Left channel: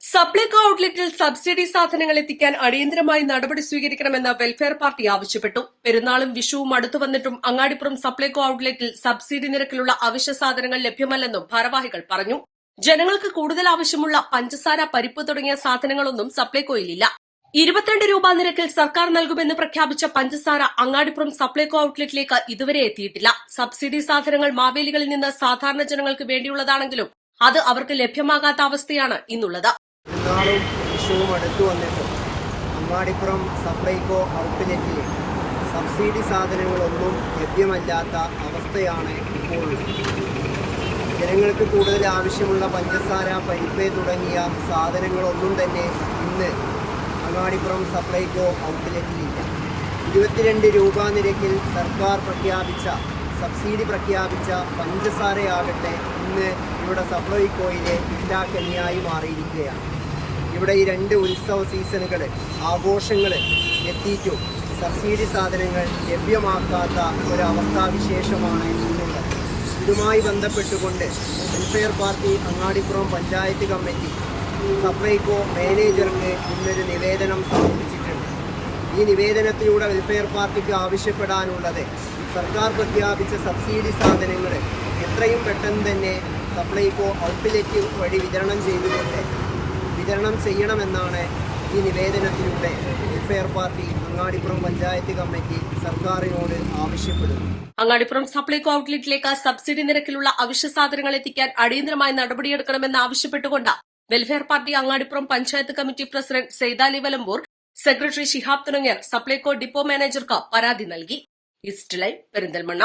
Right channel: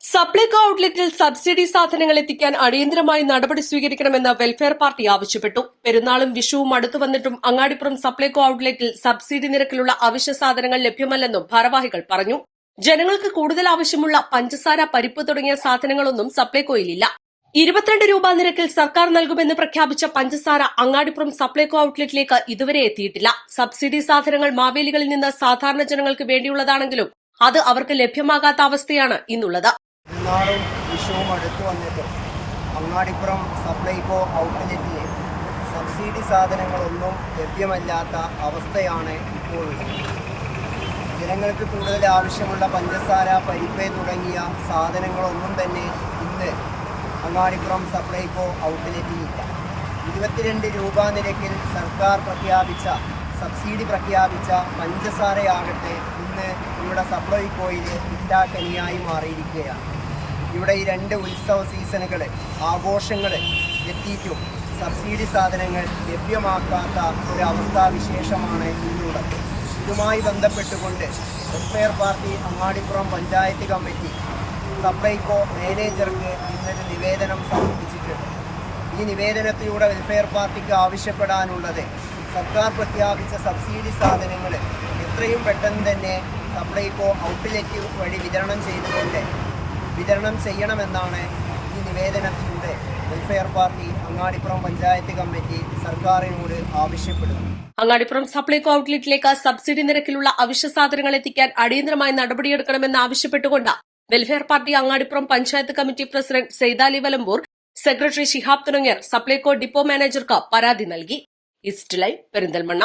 Supplyco ഔട്ട്ലെറ്റിൽ subsidy സാധനങ്ങൾ എത്തിക്കാൻ അടിയന്തരമായി നടപടി സ്വീകരിക്കണമെന്ന് വെൽഫെയർ പാർട്ടി ആവശ്യപ്പെട്ടു. പെരുന്നാളും വിഷുവും അടുത്തു വന്നിട്ടും അങ്ങാടിപ്പുറം സപ്ലൈകോ ഔട്ട്ലെറ്റിൽ സബ്സിഡി നിരക്കിലുള്ള അവശ്യ സാധനങ്ങൾ ലഭ്യമല്ലെന്നും ഭാരവാഹികൾ പറഞ്ഞു. ജനങ്ങൾക്ക് കൂടുതൽ ആവശ്യമുള്ള പഞ്ചസാര, പരിപ്പ് തുടങ്ങിയ സാധനങ്ങളൊന്നും സപ്ലൈകോയിലില്ല. 22 രൂപ നിരക്കിൽ സർക്കാർ നൽകുമെന്ന് പ്രഖ്യാപിച്ച പഞ്ചസാര അങ്ങാടിപ്പുറം സപ്ലൈകോ ഔട്ട്ലെറ്റിലേക്ക് ഇതുവരെ എത്തിയിട്ടില്ല. സബ്സിഡി സാധനങ്ങൾ മാവേലികളിൽ നിന്ന് സാധാരണ ജനങ്ങൾക്ക് വേണ്ടിയുള്ളതാണെങ്കിലും അത് അവർക്ക് ലഭ്യമാകാത്ത അവസ്ഥയാണ് ഇന്നുള്ളത്. പെരുന്നാളും വിഷുവും അടുത്തു വന്നിട്ടും അങ്ങാടിപ്പുറം സപ്ലൈകോ ഔട്ട്ലെറ്റിൽ സബ്സിഡി സാധനങ്ങളൊന്നും ലഭ്യമല്ലാത്ത അവസ്ഥയാണ് ഇപ്പോഴുള്ളത്. ജനങ്ങൾക്ക് കൂടുതൽ ആവശ്യമുള്ള പഞ്ചസാര, പരിപ്പ് തുടങ്ങിയ സാധനങ്ങളൊന്നും തന്നെ ഇന്ന് അങ്ങാടിപ്പുറം സപ്ലൈകോ ഔട്ട്ലെറ്റിലില്ല. 22 രൂപ നിരക്കിൽ സർക്കാർ സബ്സിഡി പ്രഖ്യാപിച്ച പഞ്ചസാരയാകട്ടെ ഇന്ന് ഇവിടെ സപ്ലൈകോയിലെ കിട്ടാക്കനിയായി മാറിയിരിക്കുകയാണ്. ഇവിടെ ഈ 2 ഉത്സവ സീസണുകൾ, ആഘോഷങ്ങൾ എത്തിയിട്ടും സബ്സിഡി സാധനങ്ങൾ ലഭ്യമാക്കാത്ത ഒരവസ്ഥാവിശേഷമാണ് ഇന്നുള്ളത്. ഇതുമായി ബന്ധപ്പെട്ടുകൊണ്ട് വെൽഫെയർ പാർട്ടി അങ്ങാടിപ്പുറം പഞ്ചായത്ത് കമ്മിറ്റി സപ്ലൈകോ മാനേജർക്ക് ഇന്നൊരു നിവേദനം സമർപ്പിച്ചിട്ടുണ്ട്. ഈ നിവേദനത്തിലൂടെ വെൽഫെയർ പാർട്ടിക്ക് ആവശ്യപ്പെടാനുള്ളത് സർക്കാർ പ്രഖ്യാപിച്ച സബ്സിഡി സാധനങ്ങൾ എത്രയും പെട്ടെന്ന് തന്നെ സപ്ലൈകോ ഔട്ട്ലെറ്റ് വഴി വിതരണം ചെയ്യണമെന്നാണ് ഈ നിവേദനത്തിലൂടെ welfare party Angadipuram panchayat committee സർക്കാരിനോട് ആവശ്യപ്പെടുന്നു. അങ്ങാടിപ്പുറം സപ്ലൈകോ ഔട്ട്ലെറ്റിലേക്ക് സബ്സിഡി നിരക്കിലുള്ള അവശ്യ സാധനങ്ങൾ എത്തിക്കാൻ അടിയന്തരമായി നടപടിയെടുക്കണമെന്ന് ആവശ്യപ്പെട്ടുകൊണ്ട് Welfare party Angadipuram panchayat committee president Saithali Valambur, secretary Shihab തുടങ്ങിയവർ സപ്ലൈകോ ഡിപ്പോ മാനേജർക്ക് പരാതി നൽകി. ഈസ്റ്റ് ലൈവ്, പെരിന്തൽമണ്ണ.